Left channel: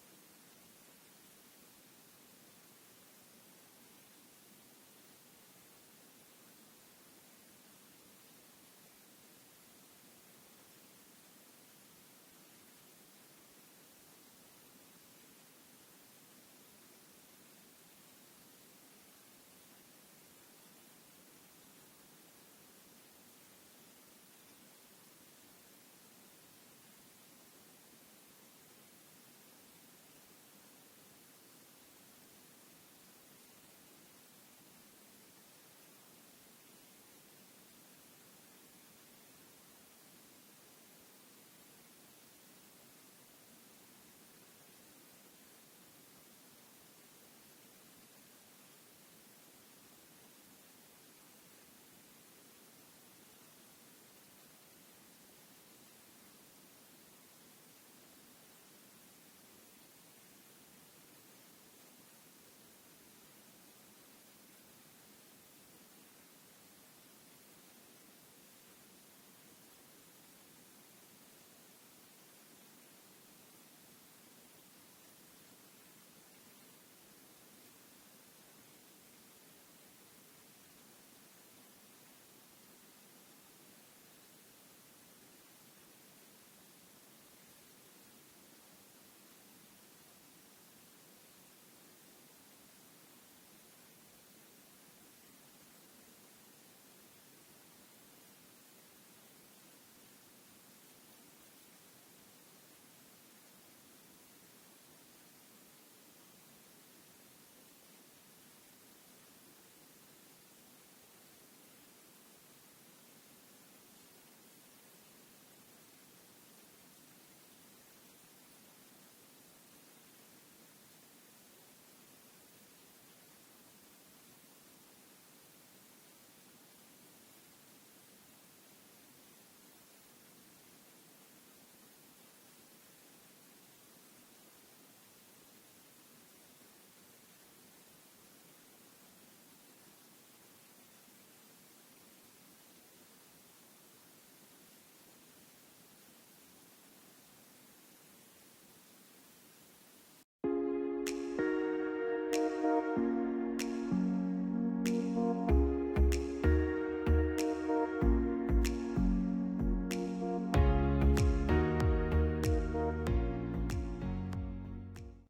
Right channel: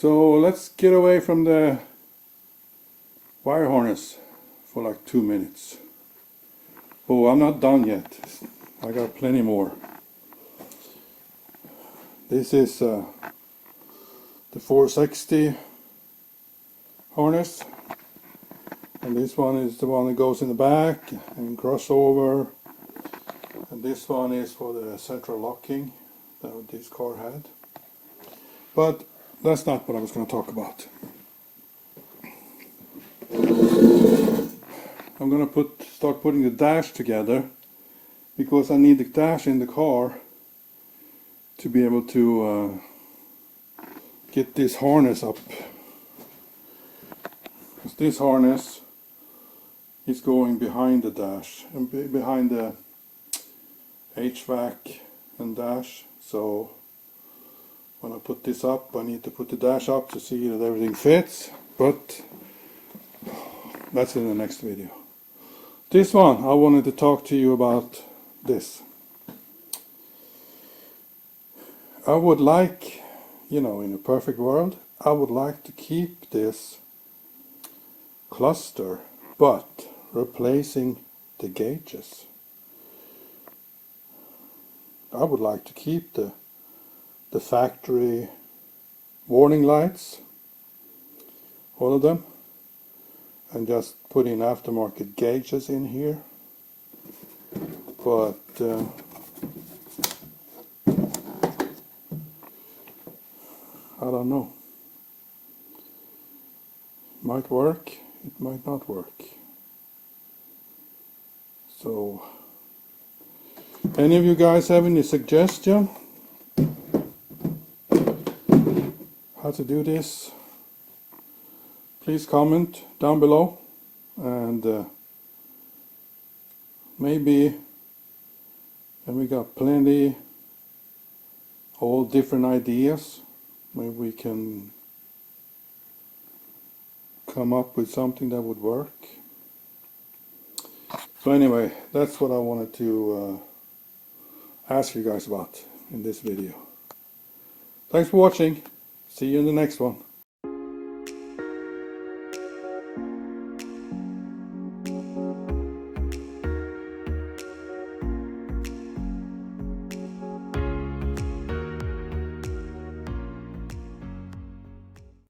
So let's get away from the wire harness for like 2 minutes. Oh, I'm not done yet. I got plenty more. This is the 460 harness, and this one is the one that goes in the back and crossover, and this one is for the central locking that this car had. But that's not what I was going to talk about. I'm going to start putting the dash together, because I need the dash in the car to be able to get this harness up. Because this harness is going behind the dash and behind the HVAC and dash. So when I put this up, I need to put the dash up to see that everything fits, but that's in the next video. This one, I wanted to talk to you about this. I would like, in a perfect world, I would like to keep this cluster, but replacing the gauges. I would like to keep the factory warning lights, all of them, and just put in aftermarket gauges in here. But I don't know. It might work, it might not work. So, any of you guys have any suggestion how to do this? Please comment down below, and maybe, and we got plenty, all different ideas. Maybe we can come up with something that would work. So anyway, that's what I wanted to ask you guys about in this video. Thanks for watching. See you in the next one.